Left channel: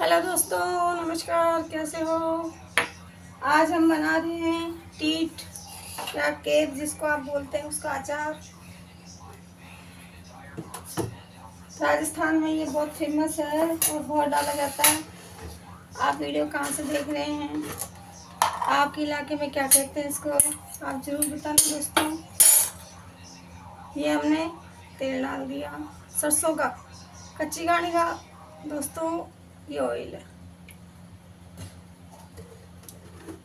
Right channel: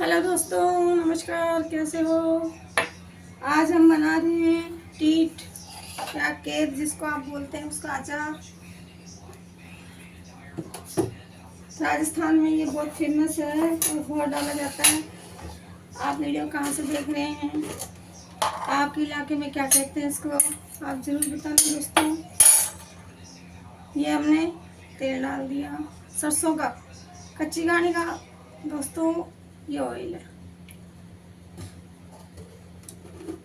Hello दोस्तों, नमस्कार। कैसे हो? आज हम बना रहे हैं टीट या केक, जिसको आप बोलते हैं, उसका अचार। राजस्थान में ये बहुत फेमस है और बहुत डाला जाता है। आप वीडियो कहाँ से देख रहे हैं? आपके इलाके में क्या कहते हैं इसको, आप ज़रूर बताना दोस्तों। ये हमने तेल डाल दिया, सरसों का, कच्ची घानी का दोस्तों। ये ऑयल है।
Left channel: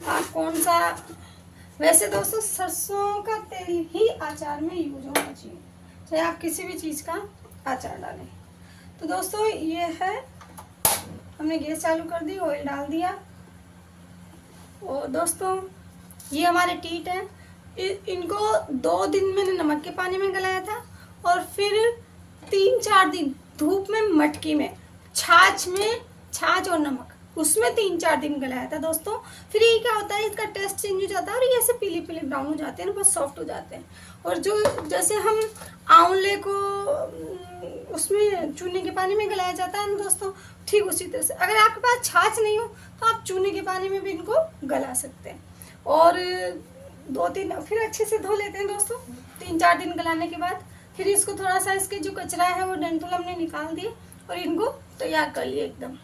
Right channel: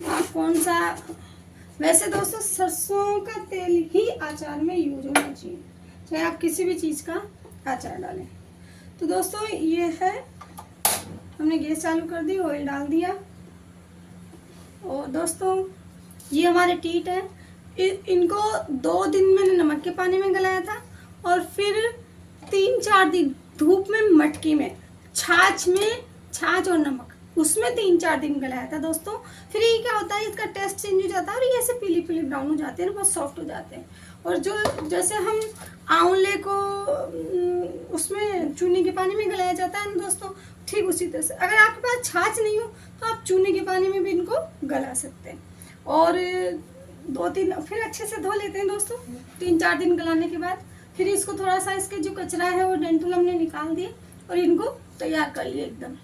आप कौन सा, वैसे दोस्तों सरसों का तेल ही अचार में यूज होना चाहिए, चाहे आप किसी भी चीज़ का अचार डालें। तो दोस्तों ये है, हमने गैस चालू कर दी, ऑयल डाल दिया। और दोस्तों ये हमारे टीट है। इनको 2 दिन मैंने नमक के पानी में गलाया था और फिर 3-4 दिन धूप में, मटकी में, छाछ में, छाछ और नमक उसमें 3-4 दिन गलाया था दोस्तों। फिर ये क्या होता है, इसका टेस्ट चेंज हो जाता है और ये ऐसे पीले पीले ब्राउन हो जाते हैं, बहुत सॉफ्ट हो जाते हैं। और जो जैसे हम आंवले को उसमें चूने के पानी में गलाया जाता है ना दोस्तों, ठीक उसी तरह से अगर आपके पास छाछ नहीं हो तो आप चूने के पानी में भी इनको गला सकते हैं। और 2-3 फिर अच्छे से धो लेते हैं दोस्तों। 3-4 दिन गलाने के बाद फिर इसको थोड़ा सा, इसके जो कचरा है वो डंठल हमने निकाल दिया और इनको तैयार कर लिया एकदम।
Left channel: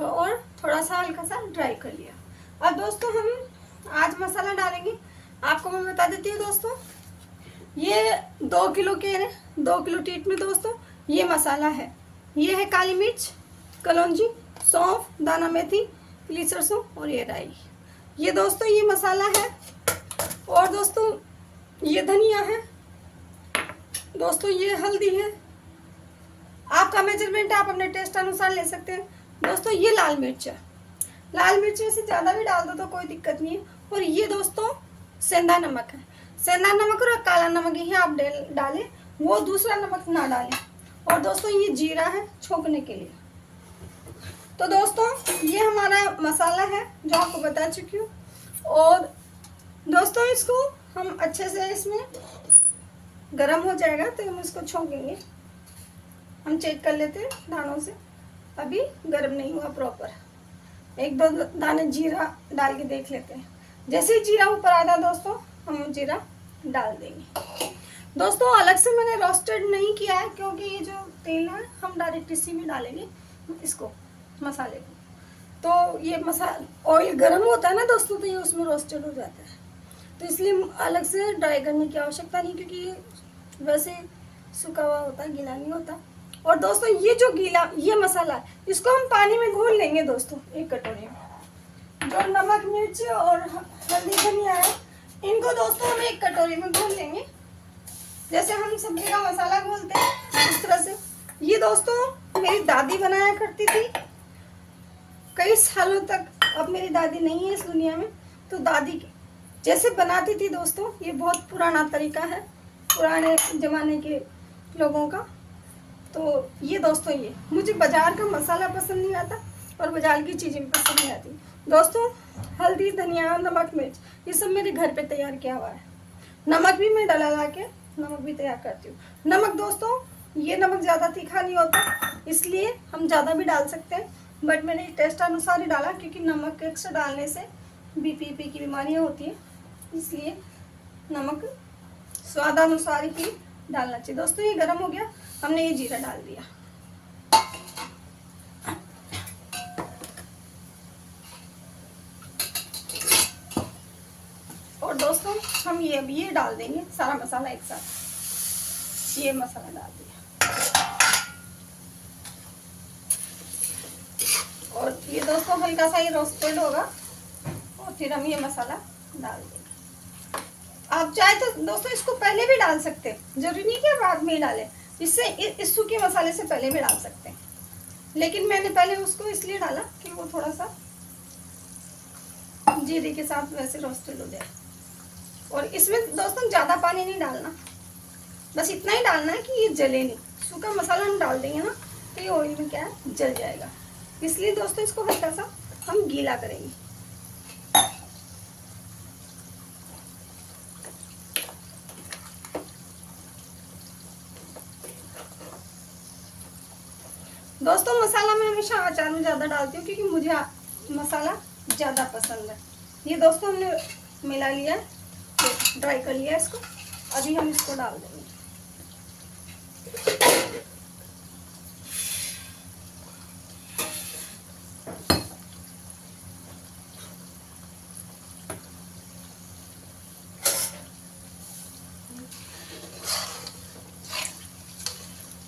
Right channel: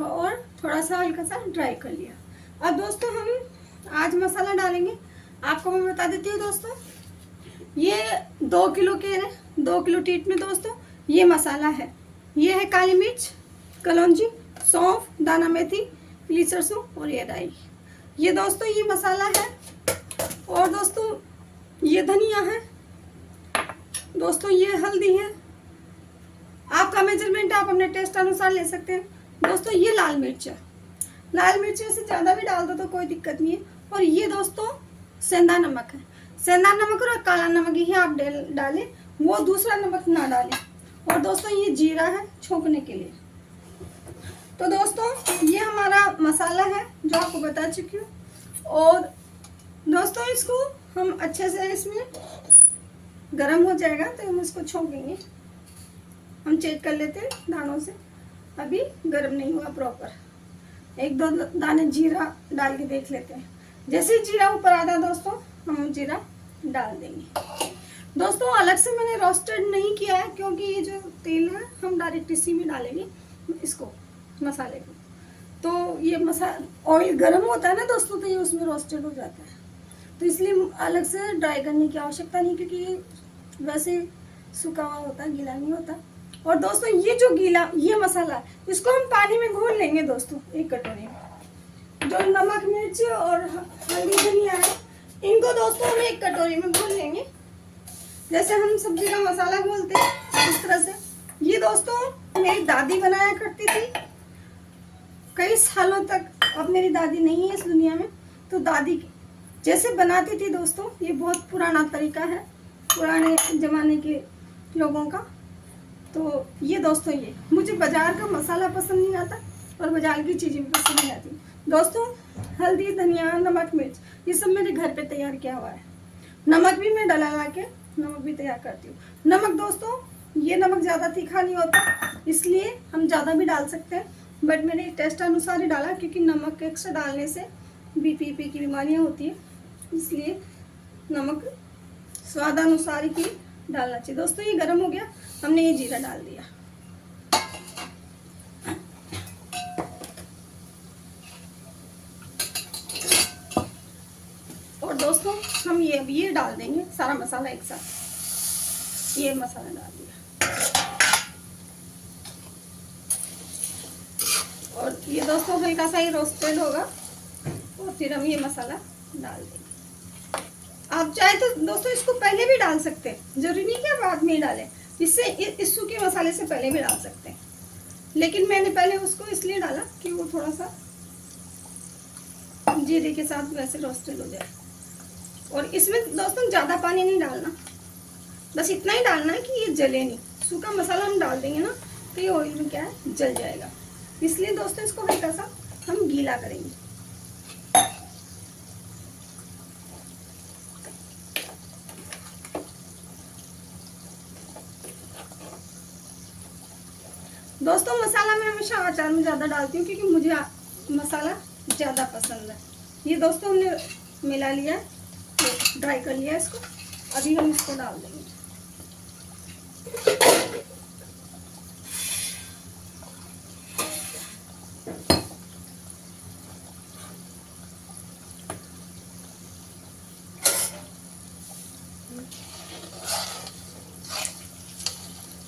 और थोड़ा सा हल्का सा ड्राई कर लिया। अब दोस्तों हम आज मसाला डालेंगे। आपको मैं बता देती हूँ दोस्तों, ये 2 किलो के 2 किलो टीट में दोस्तों ये मसाला है। ये है काली मिर्च, कलौंजी, सौंफ, दाना मेथी, पीली सरसों और ये राई। ये दोस्तों ये मसाला है। और दोस्तों ये धनिया है दोस्तों, ये हल्दी है। आपका मेजरमेंट आप अपने टेस्ट अनुसार ले सकते हैं दोस्तों। ये लाल मिर्च है, लाल मिर्च से ज़्यादा भी डाल दो तो कोई दिक्कत नहीं है। और ये दोस्तों सेंधा नमक है। सेंधा नमक और काला नमक ही आप डालें, वो दूसरा नमक ना डालें। और दोस्तों ये जीरा है छोंकने के लिए। तो दोस्तों ये हमारा मसाला है जो आपको बता चुकी हूँ। और दोस्तों इसको हम अच्छे से, इसमें गरम हो जाएगा तो हम इसको छोंकेंगे। हम चेक कर लेते हैं दानों से, अभी गरम नहीं हुआ प्रॉपर। 1-2 दाने जीरा डाल के देख लेते हैं। जैसे ही जीरा ऊपर आता दोस्तों हम जीरा डाल देंगे। दोस्तों अलग से मैंने रोस्टेड नहीं किया है, क्योंकि ये जो तेल है हम डायरेक्ट इसी में डालेंगे इसको, मसाले को। तो ये मसाला ऑयल गर्म होता है ना दोस्तों, तो ये उसमें रोस्टेड हो जाता है, तो इसलिए अलग से ड्राई करने की आवश्यकता नहीं, क्योंकि ये वैसे सूखा हुआ होता है, गीला नहीं होता। और दोस्तों ये जो गीला ये मसाला, इसको हम पानी में घोल लेंगे दोस्तों। एक कटोरी में जो नमक, मिर्च और हल्दी, धनिया है, इनको दोस्तों हम एक कटोरी में घोल लेंगे, जैसे हम सब्जी का मसाला घोलते हैं इस तरह से। ये दोस्तों मेरी दादी बनाया करती थी कई सालों तक। अब मेरी दादी नहीं है इस दुनिया में, तो दादी जैसे बनाती थी दोस्तों, ये बहुत पुराना तरीका है, पुराने जमाने के लोगों का। तो ये दोस्तों, ये मुझे बाजार का मसाला पसंद नहीं आता और बाजार की चीज़ें भी पसंद नहीं आती दोस्तों। हल्दी, धनिया, नमक, मिर्च, ये सब मेरे घर पे तैयार किया हुआ है। नमक भी मैं डला के नमक भी तैयार करती हूँ। नमक दोस्तों ये नमक ज़्यादा तीखा नहीं होता, इसलिए हम ज़्यादा भी डाल सकते हैं, बट मैंने टेस्ट अनुसार ही डाला, क्योंकि नमक एक्स्ट्रा डालने से बीपी की बीमारियाँ होती है, इसलिए नमक स्वादानुसार ही डालना चाहिए। दोस्तों ये गर्म हो गया, हमने ये जीरा डाल दिया। और दोस्तों हम ये डाल देंगे सारा मसाला एक साथ। ये मसाला डाल दिया और ये दोस्तों हल्का सा ये रोस्टेड होगा और फिर हम ये मसाला डाल देंगे। आप चाहे तो दोस्तों इसको पहले भी डाल सकते हैं, जरूरी नहीं कि बाद में ही डालें। इससे इस सूखे मसाले से पहले भी डाल सकते हैं, लेकिन मैंने पहले उसको इसलिए डाला कि वो थोड़ा सा जीरे के साथ वैसे रोस्टेड हो जाए। और इसमें दोस्तों ज़्यादा पानी नहीं डालना, बस इतना ही डालना है कि ये जले नहीं। सूखा मसाला हम डाल देंगे ना तो ये ऑयल में क्या है, जल जाएगा। इसलिए दोस्तों इसको हल्का सा हम गीला करेंगे। दोस्तों मसाला में हमेशा अचार में ज़्यादा डालती हूँ क्योंकि मुझे मसाला ज़्यादा पसंद है। ये दोस्तों हमने मिला लिया, तो ड्राई कर लिया इसको। अभी हम इसको डाल देंगे।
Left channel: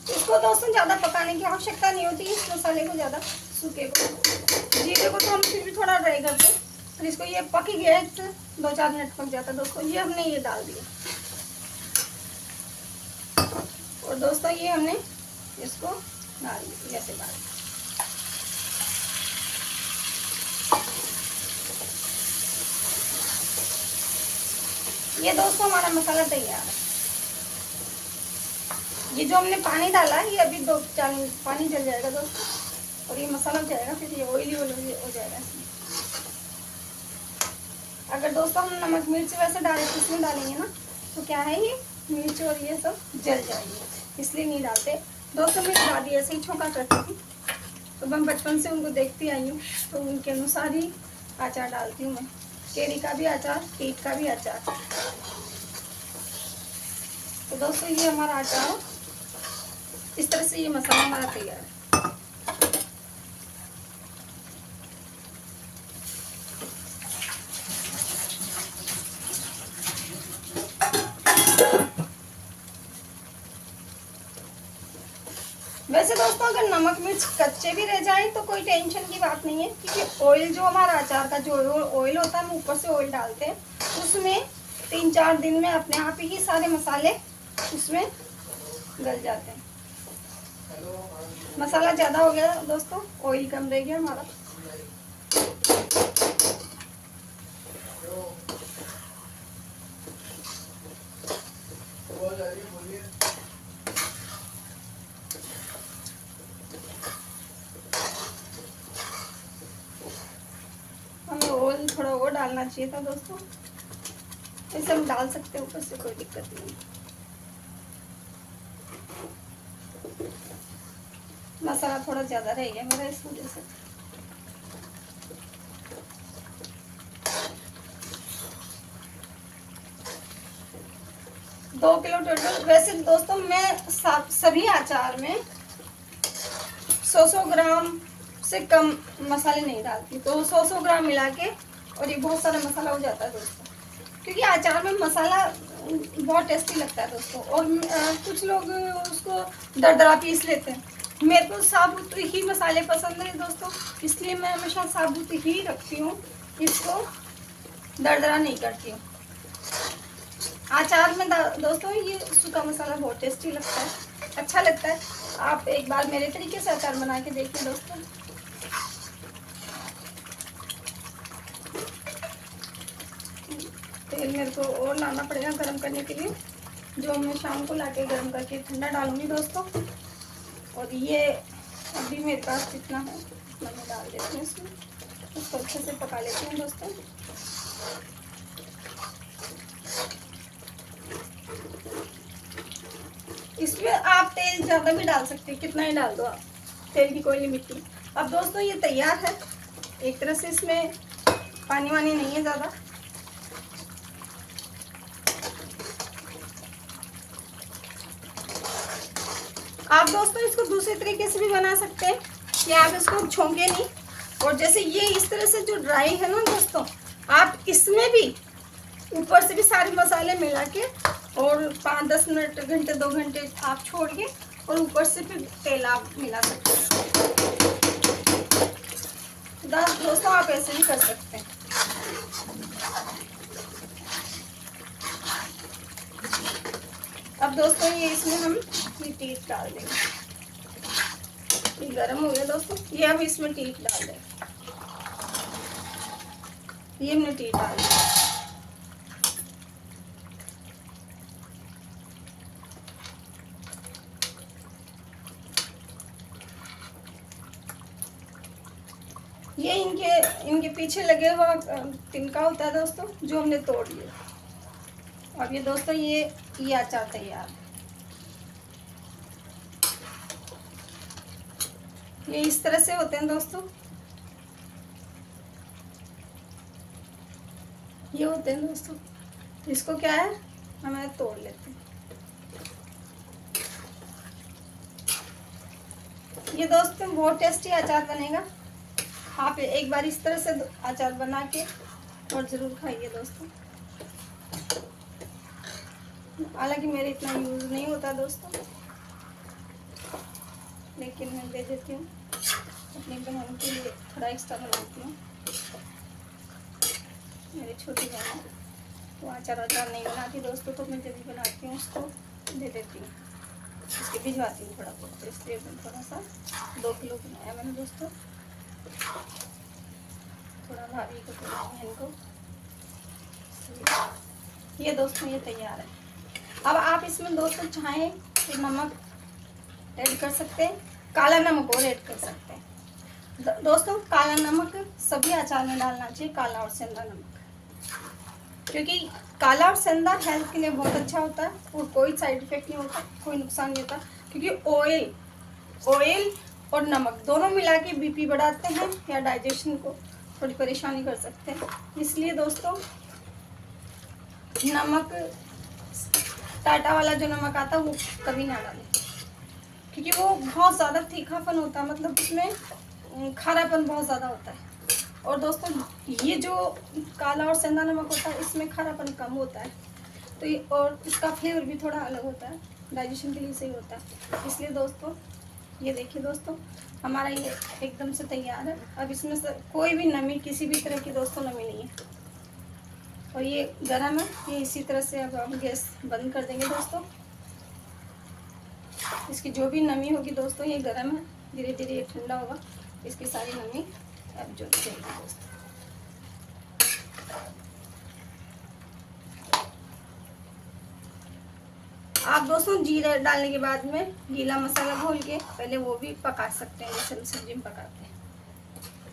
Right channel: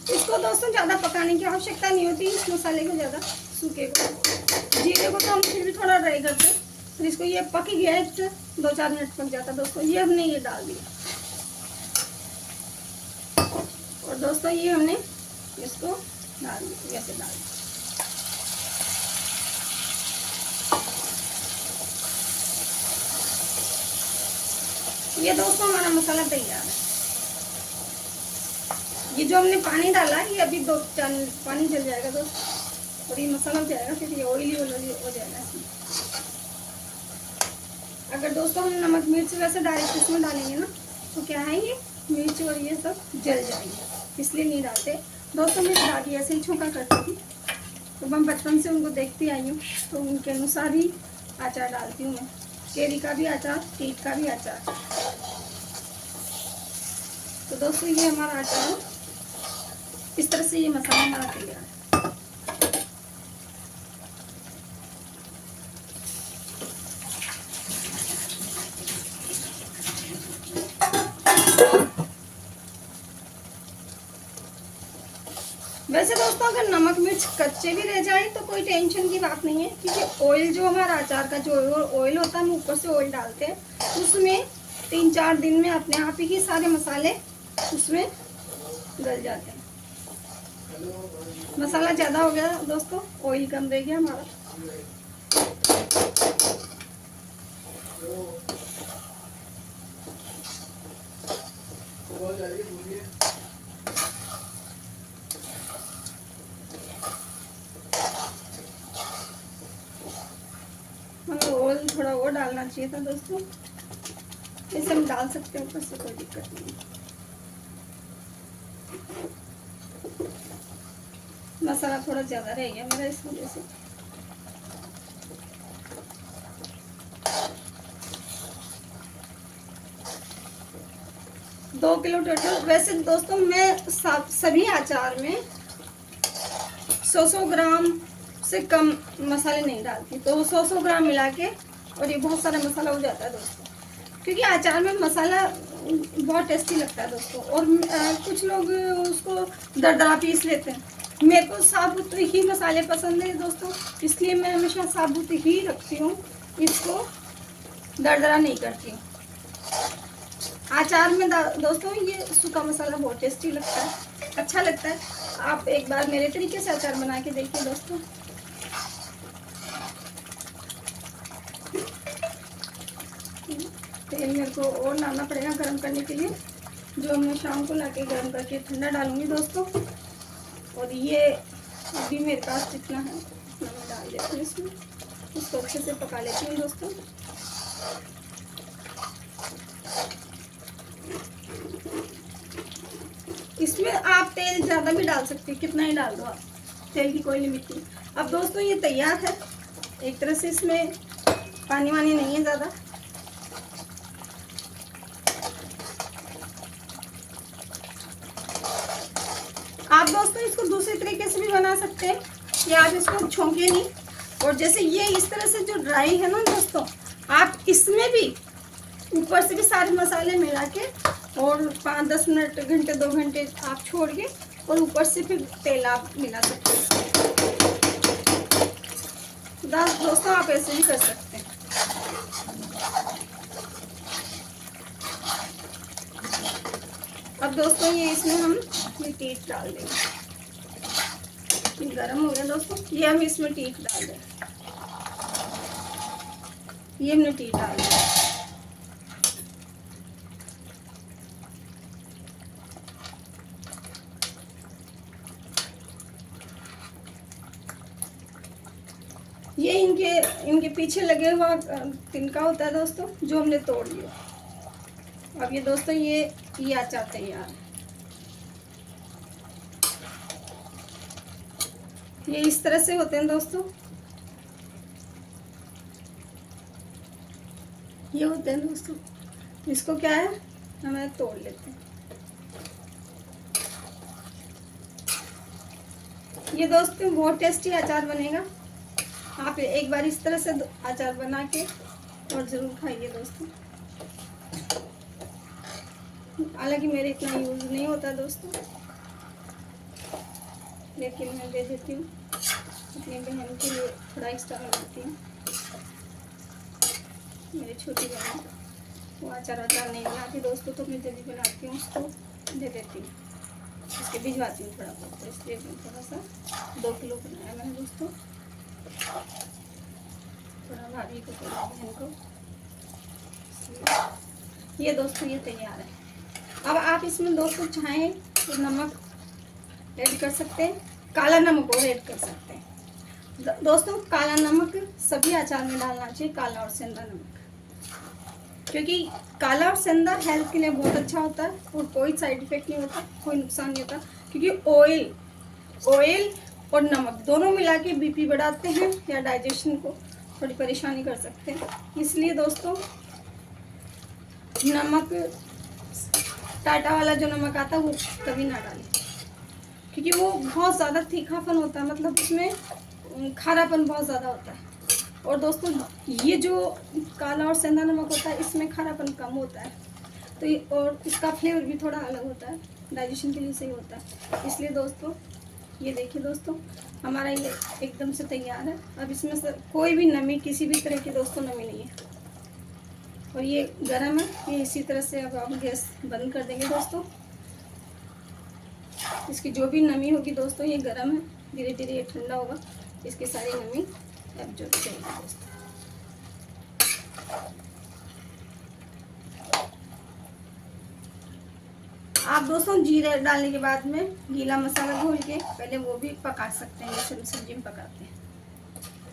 इसको दोस्तों ज़्यादा पकाने की आवश्यकता नहीं होती, इस मसाले को ज़्यादा, सूखे को। जीरे को तो हम फिर भी थोड़ा ड्राई करते हैं, और इसको ये पक ही गया, 2-4 मिनट पक जाता दोस्तों। ये हमने ये डाल दिया, और दोस्तों ये हमने इसको डाल दिया, ऐसे डाल दिया। ये दोस्तों हमारा मसाला तैयार है। ये जो हमने पानी डाला है, ये अभी 2-4 मिनट पानी जल जाएगा दोस्तों, और ये मसाला हो जाएगा, फिर ये ऑयली हो जाएगा इसमें। अगर दोस्तों हम नमक मिर्च वैसे डायरेक्ट इसमें डालेंगे ना, तो क्या है, ये मिर्च और ये सब जल जाएंगे, इसलिए नहीं डालते दोस्तों। मेरी दादी ऐसे ही छोंका करती थी, तो मैं बचपन से उनको देखती आई हूँ, तो उनके अनुसार ही अचार डालती हूँ मैं। केरी का भी अचार, टीट का भी अचार। तो दोस्तों ये हमारा अचार इस तरह से, ये मसाला हमारा तैयार है। वैसे दोस्तों अगर नमक मिर्च कच्चे भी रह जाए तो कोई टेंशन की बात नहीं है, क्योंकि ऑयल जो हमारा अचार का जो ऑयल होता है, हम ऊपर से ऑयल डालते हैं, उसमें 3-4 दिन में अपने आप ही सारे मसाले उसमें गल जाते हैं। मसाला ज़्यादा हो गया दोस्तों, ऑयल कम रह गया हमारा। ऑयल थोड़ा और डालना चाहिए था दोस्तों, इसे हम डाल सकते हैं ऊपर से, कोई दिक्कत नहीं। मसाला थोड़ा ज़्यादा रह गया मेरा, इस वजह से। दो किलो टोटल। वैसे दोस्तों मैं सभी अचार में 100 ग्राम से कम मसाले नहीं डालती, तो 100 ग्राम मिला के, और ये बहुत सारा मसाला हो जाता है दोस्तों, क्योंकि अचार में मसाला बहुत टेस्टी लगता है दोस्तों। और कुछ लोग उसको दरदरा पीस लेते हैं, मेरे को साबुत ही मसाले पसंद है दोस्तों, इसलिए मैं हमेशा साबुत ही रखती हूँ, इसको दरदरा नहीं करती हूँ। अचार में दोस्तों ये सूखा मसाला बहुत टेस्टी लगता है, अच्छा लगता है। आप एक बार मेरे तरीके से अचार बना के देखिए दोस्तों। तेल मेरे को और लाना पड़ेगा गर्म करने के लिए, जो मैं शाम को लाके गर्म करके ठंडा डालूंगी दोस्तों। और ये अभी मेरे पास जितना है उतना मैं डाल देती हूँ इसमें, इसको अच्छे से पका लेती हूँ दोस्तों। इसमें आप तेल ज़्यादा भी डाल सकते हैं, कितना ही डाल दो आप, तेल की कोई लिमिट नहीं। अब दोस्तों ये तैयार है एक तरह से, इसमें पानी वानी नहीं है ज़्यादा। आप दोस्तों इसको दूसरे तरीके से भी बना सकते हैं कि आप इसको छोंके नहीं, और जैसे ये इस तरह से जो ड्राई है ना दोस्तों, आप इसमें भी ऊपर से भी सारे मसाले मिला के, और 5-10 मिनट, घंटे 2 घंटे आप छोड़ के, और ऊपर से फिर तेल आप मिला सकते हैं दोस्तों, आप ऐसे ही कर सकते हैं। अब दोस्तों ये इसमें हम ये टीट डाल देंगे, गरम हो गया दोस्तों, ये हम इसमें टीट डाल देंगे, ये हमने टीट डाल दिया। ये इनके पीछे लगे हुआ तिनका होता है दोस्तों, जो हमने तोड़ लिया। अब ये दोस्तों ये अचार तैयार है। ये इस तरह से होते हैं दोस्तों, ये होते हैं दोस्तों। इसको क्या है, हमें तोड़ लेते हैं। ये दोस्तों बहुत टेस्टी अचार बनेगा। आप एक बार इस तरह से अचार बना के और ज़रूर खाइए दोस्तों। हालांकि मेरे इतना यूज़ नहीं होता दोस्तों, लेकिन मैं दे देती हूँ अपनी बहन के लिए, थोड़ा एक्स्ट्रा बनाती हूँ। मेरी छोटी बहन वो अचार नहीं बनाती दोस्तों, तो मैं जल्दी बनाती हूँ, उसको दे देती हूँ, इसके भिजवाती हूँ थोड़ा बहुत। इसलिए थोड़ा सा 2 किलो बनाया मैंने दोस्तों, थोड़ा भारी को बहन को। ये दोस्तों ये तैयार है। अब आप इसमें दोस्तों चाहें तो नमक ऐड कर सकते हैं, काला नमक और ऐड कर सकते हैं दोस्तों। काला नमक सभी अचार में डालना चाहिए, काला और सेंधा नमक, क्योंकि काला और सेंधा हेल्थ के लिए बहुत अच्छा होता है और कोई साइड इफेक्ट नहीं होता, कोई नुकसान नहीं होता। क्योंकि ऑयल और नमक दोनों मिला के बीपी बढ़ाते हैं या डाइजेशन को थोड़ी परेशानी कर सकते हैं। इसलिए दोस्तों नमक, टाटा वाला जो नमक आता है वो कभी ना डालें, क्योंकि वो बहुत ज़्यादा तीखापन होता है, मतलब उसमें खारापन बहुत ज़्यादा होता है। और दोस्तों ये जो काला और सेंधा नमक होता है इसमें खारापन कम होता है, तो और इसका फ्लेवर भी थोड़ा अलग होता है, डाइजेशन के लिए सही होता है। इसलिए दोस्तों ये देखिए दोस्तों, हमारा ये एकदम से तैयार है। अब इसमें कोई भी नमी, किसी भी तरह की दोस्तों नमी नहीं है, और ये गरम है। ये इसी तरह से अब हम गैस बंद कर देंगे दोस्तों। इसकी जो भी नमी होगी दोस्तों, ये गरम है, धीरे धीरे ये ठंडा होगा, इसकी सारी नमी अब जो चाहिए दोस्तों। आप दोस्तों जीरा डालने के बाद में गीला मसाला घोल के पहले वो भी पका सकते हैं, जैसे हम सब्जी में पकाते हैं,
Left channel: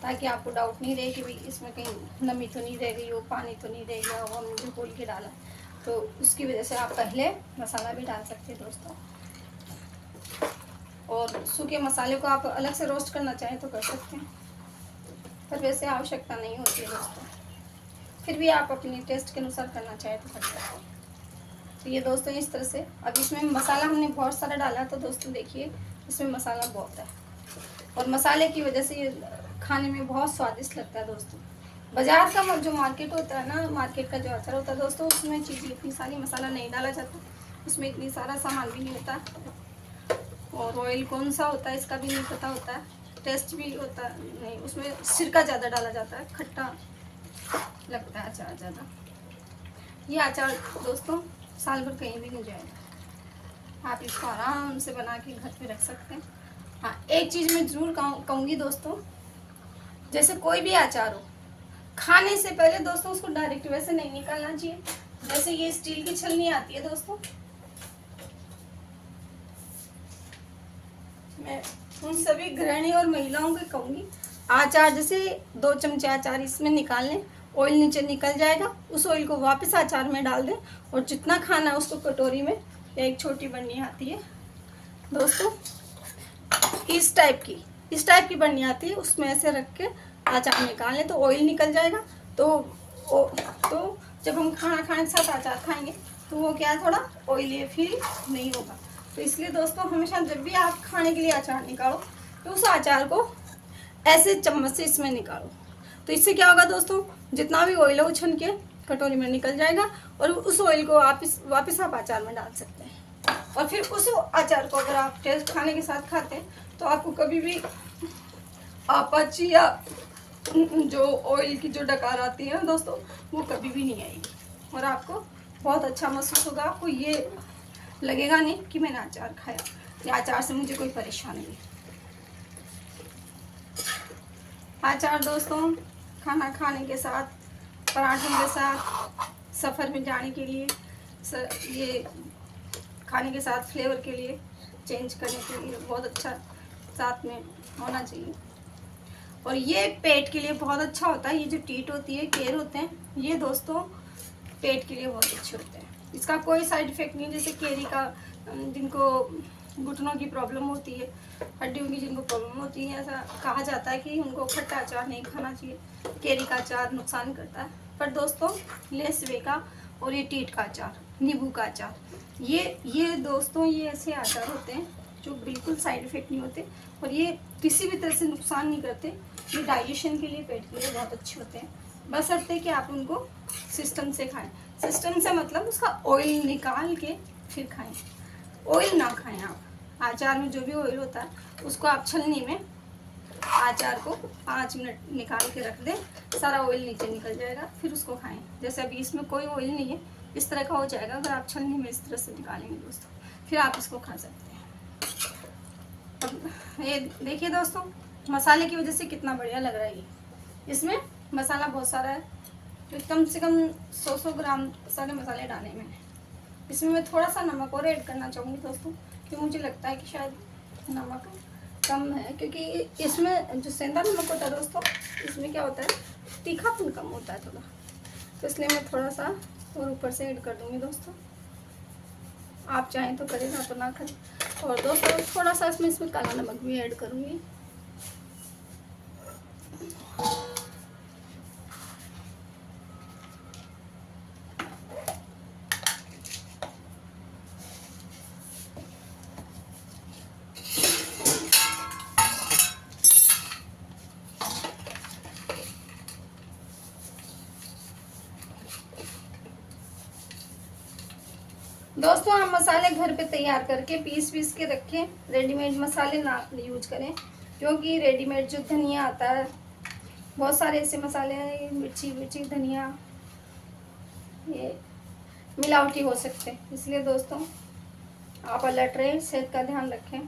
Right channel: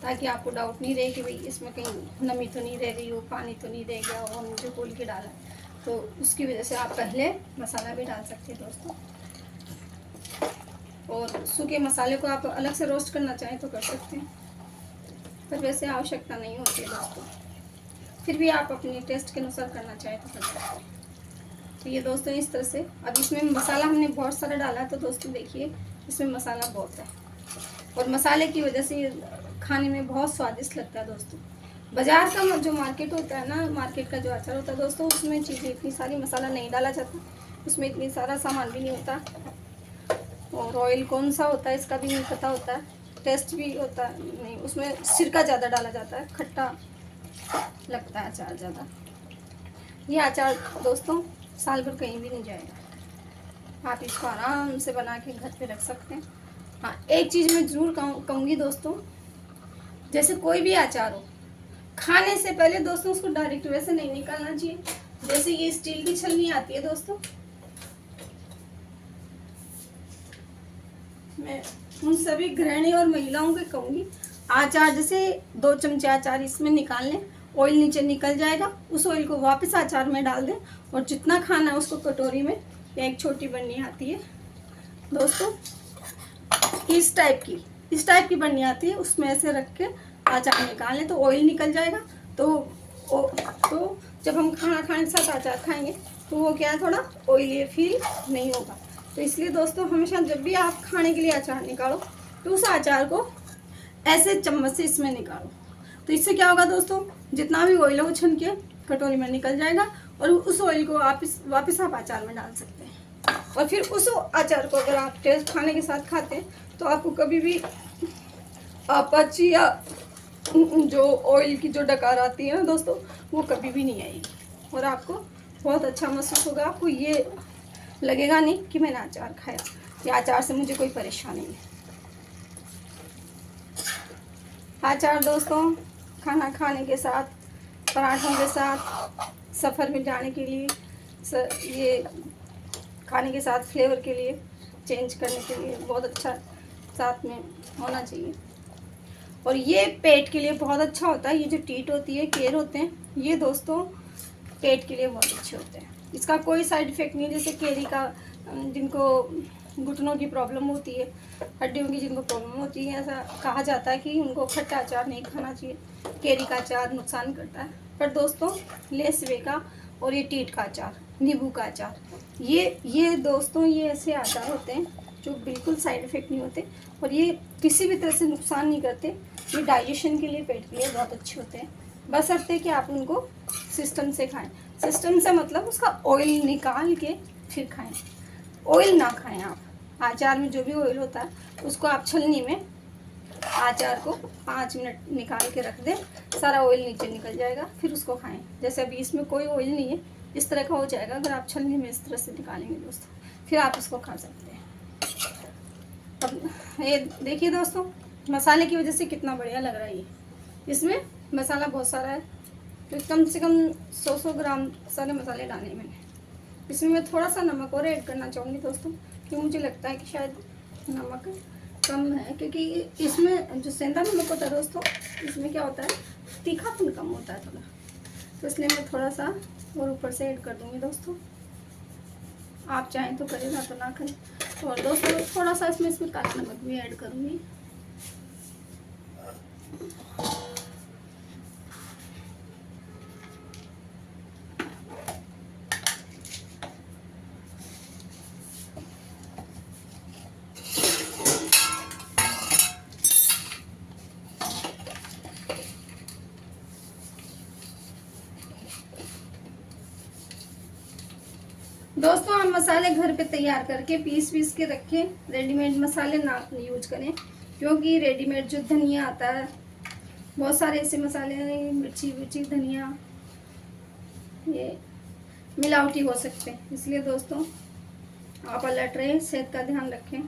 ताकि आपको डाउट नहीं रहे कि भाई इसमें कहीं नमी तो नहीं रह गई हो, पानी तो नहीं रह गया हो, और मुझे घोल के डाला। तो उसकी वजह से आप पहले मसाला भी डाल सकते हैं दोस्तों। और सूखे मसाले को आप अलग से रोस्ट करना चाहें तो कर सकते हैं, पर वैसे आवश्यकता नहीं होती दोस्तों। फिर भी आप अपने टेस्ट के अनुसार करना चाहें तो कर सकते हैं। तो ये दोस्तों इस तरह से, अब इसमें मसाला हमने बहुत सारा डाला, तो दोस्तों देखिए इसमें मसाला बहुत है, और मसाले की वजह से ये खाने में बहुत स्वादिष्ट लगता है दोस्तों। बाजार का जो मार्केट होता है ना, मार्केट का जो अचार होता है दोस्तों, उसमें चीज़ें इतनी सारी मसाला नहीं डाला जाता, उसमें इतनी सारा सामान भी नहीं होता, और ऑयल कौन सा होता है इसका भी नहीं पता होता है, टेस्ट भी होता नहीं, उसमें सिरका ज़्यादा डाला जाता है, खट्टा लगता है अचार ज़्यादा। ये अचार दोस्तों साल भर कहीं भी नहीं जाएगा, आप इसको आराम से बना के घर पे रख सकते हैं। हाँ, एक चीज़ मैं ज़रूर कहूँगी दोस्तों, जैसे कोई भी अचार हो, खाने से पहले दोस्तों उसको डायरेक्ट वैसे नहीं निकालना चाहिए। जैसे ये स्टील की छलनी आती है दोस्तों, मैं उन सभी गृहिणी और महिलाओं को कहूँगी, अचार जैसे 2 चमचे अचार इसमें निकाल लें, ऑयल नीचे निकल जाएगा, उस ऑयल को वापस अचार में डाल दें, और जितना खाना है उसको कटोरी में, या एक छोटी बर्नी आती है दोस्तों, इस टाइप की बर्नी आती है, उसमें ऐसे रख के अचार निकालें तो ऑयल निकल जाएगा। तो जब हम खाना खाने के साथ अचार खाएंगे तो वो क्या है, थोड़ा ऑयली फील नहीं होगा। तो इसलिए दोस्तों हमेशा जब भी आप खाने के लिए अचार निकालो तो उस अचार को ऐसे चम्मच से इसमें निकालो, तो इससे क्या होगा दोस्तों, जितना भी ऑयल है वो छन के कटोरी में निकल जाएगा, और उस ऑयल को वापस आप अचार में डाल सकते हैं। और फिर उस अचार को अगर आप टेस्ट खाने के साथ खाते हैं तो आपको कभी भी अपच या जो ऑयल की जो डकार आती है ना दोस्तों, वो कभी भी नहीं आएगी, और आपको बहुत अच्छा महसूस होगा। आपको ये लगेगा नहीं कि मैंने अचार खाया, या अचार से मुझे कोई परेशानी नहीं। अचार दोस्तों खाना खाने के साथ, पराठों के साथ, सफ़र में जाने के लिए, ये खाने के साथ फ्लेवर के लिए, चेंज करने के लिए बहुत अच्छा साथ में होना चाहिए। और ये पेट के लिए बहुत अच्छा होता है। ये जो टीट होती है, केर होते हैं, ये दोस्तों पेट के लिए बहुत अच्छे होते हैं। इसका कोई साइड इफ़ेक्ट नहीं, जैसे केरी का जिनको घुटनों की प्रॉब्लम होती है, हड्डियों की जिनको प्रॉब्लम होती है, ऐसा कहा जाता है कि उनको खट्टा अचार नहीं खाना चाहिए, केरी का अचार नुकसान करता है। पर दोस्तों लेसवे का और ये टीट का अचार, नींबू का अचार, ये दोस्तों ये ऐसे अचार होते हैं जो बिल्कुल साइड इफ़ेक्ट नहीं होते और ये किसी भी तरह से नुकसान नहीं करते। ये डाइजेशन के लिए, पेट के लिए बहुत अच्छे होते हैं। बस अर्थ है कि आप उनको सिस्टम से खाएं। सिस्टम से मतलब उसका ऑयल निकाल के फिर खाएं, ऑयल ना खाएं आप। अचार में जो भी ऑयल होता है उसको आप छलनी में अचार को 5 मिनट निकाल के रख दें, सारा ऑयल नीचे निकल जाएगा, फिर उसको खाएं। जैसे अभी इसमें कोई ऑयल नहीं है, इस तरह का हो जाएगा अगर आप छलनी में इस तरह से निकालेंगे दोस्तों, फिर आप इसको खा सकते हैं। अब ये देखिए दोस्तों, मसाले की वजह से कितना बढ़िया लग रहा है ये। इसमें मसाला बहुत सारा है, तो कम से कम 100 ग्राम सारे मसाले डाले मैंने। इसमें मैं थोड़ा सा नमक और ऐड करना चाहूँगी दोस्तों, क्योंकि मुझे लगता है कि शायद नमक कम है, क्योंकि इसमें जो सेंधा नमक होता है दोस्तों, इसमें क्या होता है तीखापन कम होता है थोड़ा, तो इसलिए मैं थोड़ा सा और ऊपर से ऐड कर दूँगी दोस्तों। आप चाहें तो करें, ना तो ना करें। और दोस्तों थोड़ा सा इसमें काला नमक भी ऐड करूँगी। दोस्तों आप मसाले घर पे तैयार करके पीस के रखें, रेडीमेड मसाले ना यूज करें, क्योंकि रेडीमेड जो धनिया आता है, बहुत सारे ऐसे मसाले हैं, मिर्ची धनिया, ये मिलावटी हो सकते हैं। इसलिए दोस्तों आप अलर्ट रहें, सेहत का ध्यान रखें।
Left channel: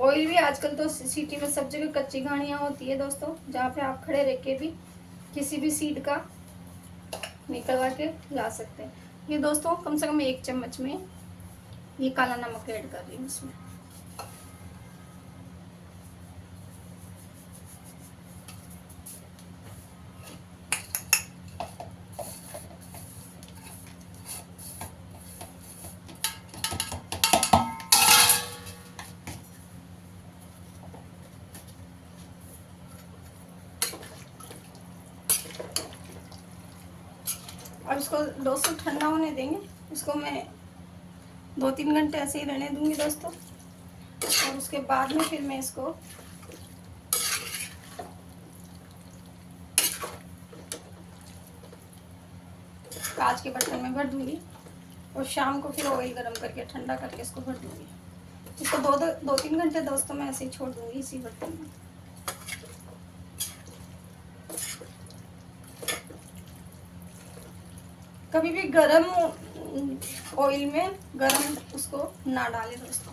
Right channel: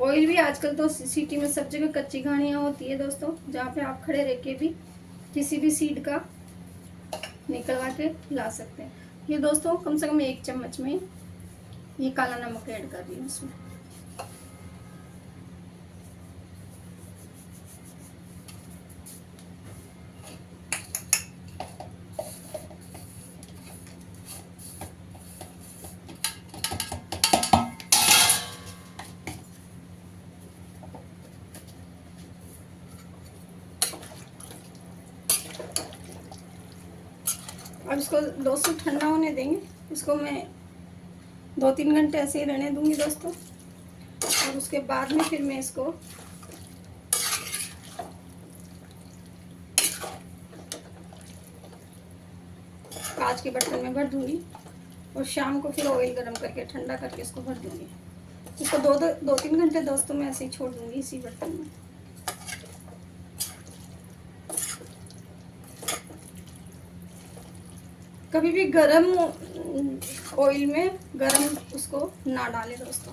ऑयल भी आजकल तो सिटी में सब जगह कच्ची घाणियाँ होती है दोस्तों, जहाँ पे आप खड़े रह के भी किसी भी सीड का निकलवा के ला सकते हैं। ये दोस्तों कम से कम 1 चम्मच में ये काला नमक ऐड कर रही हूँ इसमें। और इसको दोस्तों ठंडा होने देंगे। इसको मैं 2-3 घंटे ऐसे ही रहने दूंगी दोस्तों, और उसके बाद में फिर मैं इसको कांच के बर्तन में भर दूंगी और शाम को फिर ऑयल गरम करके ठंडा करके इसको भर दूंगी। इसको 2-3 घंटे दोस्तों मैं ऐसे ही छोड़ दूंगी इसी बर्तन में। कभी भी गरम ऑयल में गरम उसको ना डालें दोस्तों।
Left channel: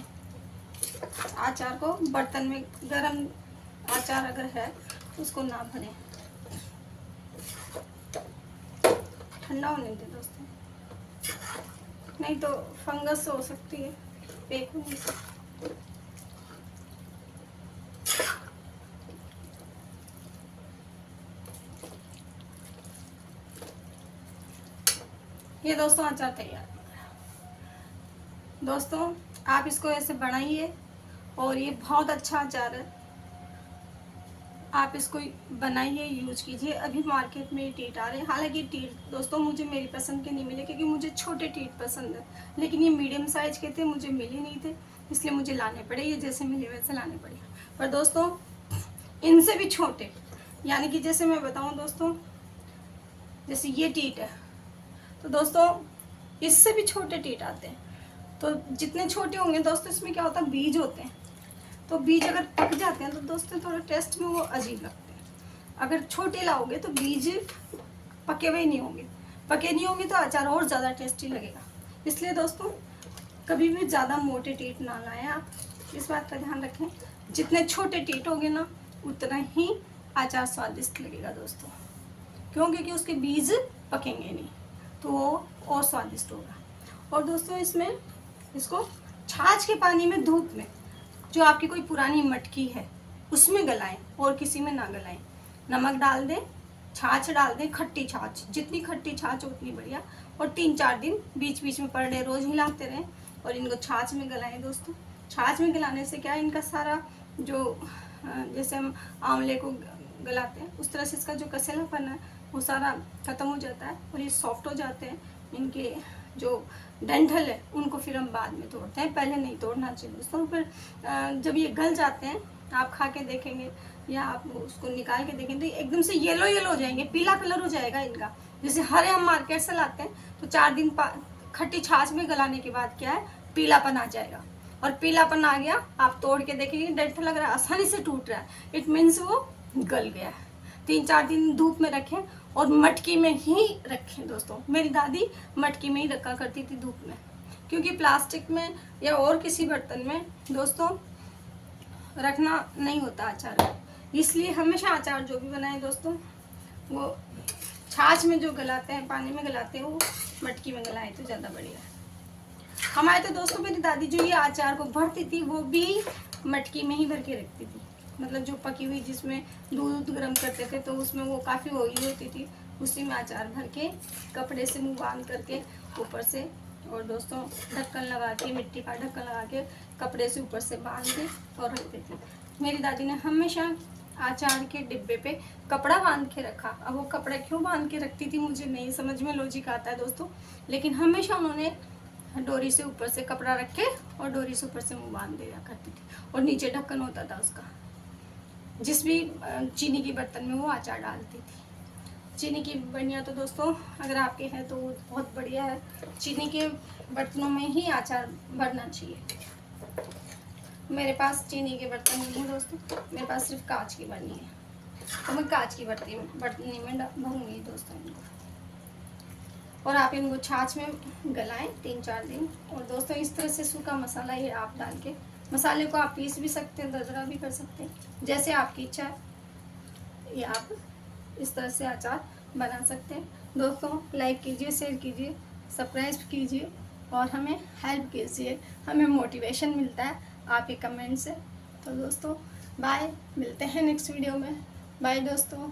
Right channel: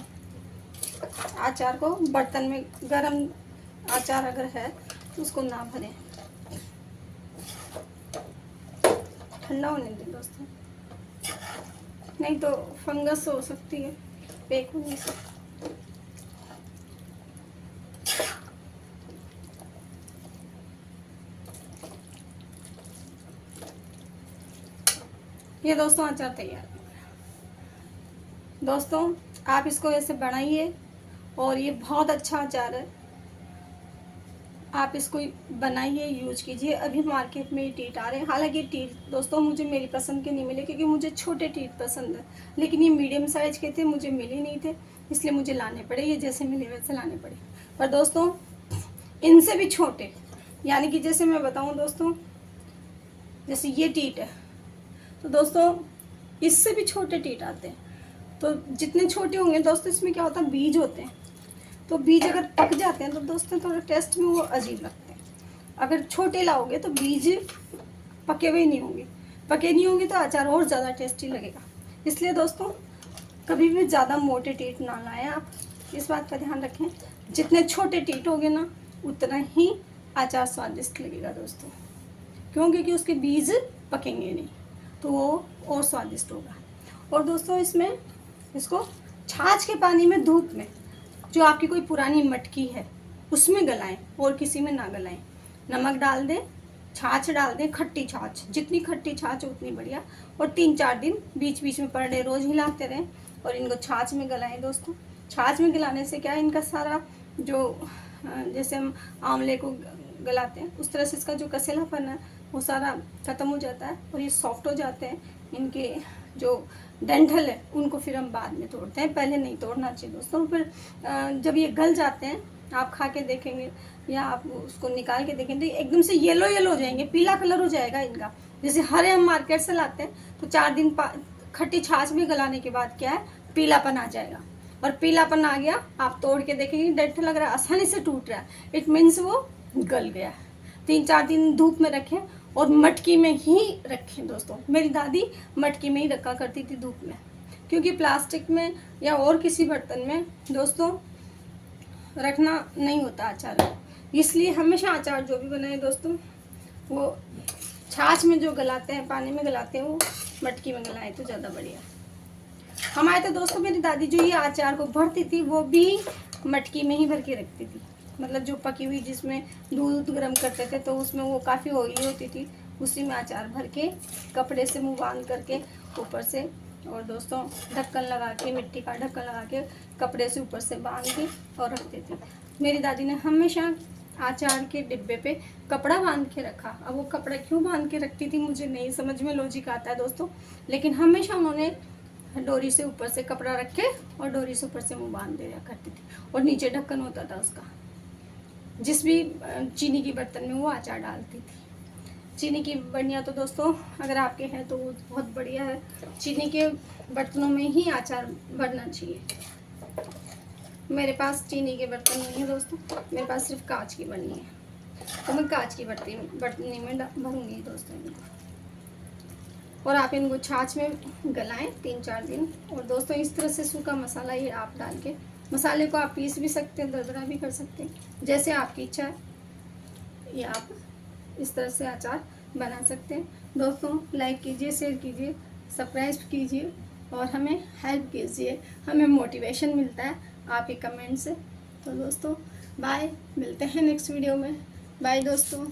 अचार को बर्तन में गरम अचार अगर है तो उसको ना भरें, ठंडा होने दें दोस्तों, नहीं तो फंगस हो सकती है बेक होने से। ये दोस्तों अचार तैयार। दोस्तों आप इसको ऐसे बनाइए और ये बहुत अच्छा अचार है, आप इसको बनाइए, यूज कीजिए। अभी मार्केट में ये टीट आ रहे हैं, हालांकि टीट दोस्तों मुझे मेरी पसंद के नहीं मिले, क्योंकि मुझे छोटे टीट पसंद है, लेकिन ये मीडियम साइज के थे, मुझे मिले नहीं थे, इसलिए मुझे लाने पड़े। ये जैसे मिले वैसे लाने पड़े। पर दोस्तों इनसे भी छोटे, यानी कि जैसे मैं बताऊँ दोस्तों, जैसे ये टीट है, तो दोस्तों इससे भी छोटे टीट आते हैं। तो जितने छोटे होंगे दोस्तों, इसमें क्या होता है बीज होते हैं, तो बीज अगर पक जाते हैं तो दोस्तों थोड़ा टेस्ट में वो अजीब लगते हैं। अगर छोटे लाओगे तो बीज पके हुए नहीं होंगे, पके नहीं होंगे तो अचार और ज़्यादा टेस्टी लगेगा। इसलिए दोस्तों कभी भी ज़्यादा मोटे टीट ना लाएं, आप इस बात का ध्यान रखें। जितने छोटे टीट होंगे ना उतना ही अचार स्वादिष्ट लगेगा दोस्तों, क्यों? क्योंकि उसके बीज पकेंगे नहीं, तो वो और स्वादिष्ट होगा। और दोस्तों इसमें इसको छाछ के पानी में, दूध में, जो आपकी कोई पुरानी मटकी है उसमें गलाएं और किसी में ना गलाएं। नमक डाल दें, छाछ डाल दें, खट्टी छाछ, जितनी खट्टी छाछ उतनी बढ़िया, और 3-4 दिन बीच बीच में पर डे रोज हिलाते रहें। और इनको छाछ में गलाएं दोस्तों। छाछ में गलाने से क्या है, इनका सारा जो जैसे हम आंवले को गलाते हैं उस तरह से इसका जो कसेलापन है वो सारा ख़त्म हो जाता है और ये सॉफ्ट हो जाते हैं। इनके जो डंठल है उनको फिर हम बाद में तोड़ते हैं, पहले नहीं तोड़ना चाहिए दोस्तों। फिर जब ये गल जाते हैं आप खा के देखेंगे या आप उसको निकाल के देखेंगे तो एकदम से येलो येलो हो जाएंगे, पीला कलर हो जाएगा इनका। जैसे हरे हम मार्केट से लाते हैं तो 4 दिन खट्टी छाछ में गलाने के बाद क्या है, पीलापन आ जाएगा। और पीलापन आ गया, आप तोड़ के देखेंगे डंठल लग रहा है आसानी से टूट रहा है, इट मीन्स वो गल गया। 3-4 दिन धूप में रखें और मटकी में ही रखें दोस्तों। मेरी दादी मटकी में ही रखा करती थी धूप में, क्योंकि प्लास्टिक में या और किसी बर्तन में दोस्तों रखना नहीं होता अचार। इसलिए हमेशा अचार जो भी बनाए दोस्तों वो छाछ में जो गलाते हैं, पानी में गलाते हैं, वो मटकी में गलाए तो ज़्यादा बढ़िया। हमारे तो दोस्तों मेरी दादी जो ये अचार को भरती थी वो भी मटकी में ही भर के रखती थी। मतलब जो पकी हुई जिसमें दूध गर्म करते थे तो उसमें वो काफ़ी ऑयली होती थी, उसी में अचार भर के कपड़े से मुँह बांध करके ऊपर से, और दोस्तों ढक्कन लगा के, मिट्टी का ढक्कन लगा के कपड़े से ऊपर से बांध के और रखती थी। मेरी दादी ने हमेशा अचार के डिब्बे पे कपड़ा बांध के रखा। अब वो कपड़ा क्यों बांध के रखती थी मुझे नहीं समझ में लॉजिक आता है दोस्तों, लेकिन हमेशा उन्होंने डोरी से ऊपर से कपड़ा रख के और डोरी से ऊपर से मुँह बांध दिया करती थी, और नीचे ढक्कन होता था उसका। जिस भी चीनी की बर्तन में वो अचार डालती थी। चीनी की बर्नियाँ तो दोस्तों अगर आपके हैं तो वो बहुत बढ़िया है। चीनी के बर्तनों में ही अचार भरना चाहिए। मेरे पास चीनी के बर्तन नहीं है दोस्तों, मेरे पास सिर्फ कांच की बर्नी है, तो मैं कांच की बर्तनी में भरूंगी दोस्तों इनको। और आप इनको छाछ में गलाएं 3-4 दिन। और दोस्तों इस तरह से सूखा मसाला ये आप डाल के, मसाले को आप पीस भी सकते हैं, दरदरा भी कर सकते हैं, जैसे आपकी इच्छा है। ये आप इस तरह से अचार बना सकते हैं दोस्तों। लाइक कीजिए, शेयर कीजिए, सब्सक्राइब कीजिए और हमें हेल्प कीजिए, हमें मोटिवेशन मिलता है आपके कमेंट से। तो दोस्तों बाय, मिलते हैं नेक्स्ट वीडियो में। बाय दोस्तों।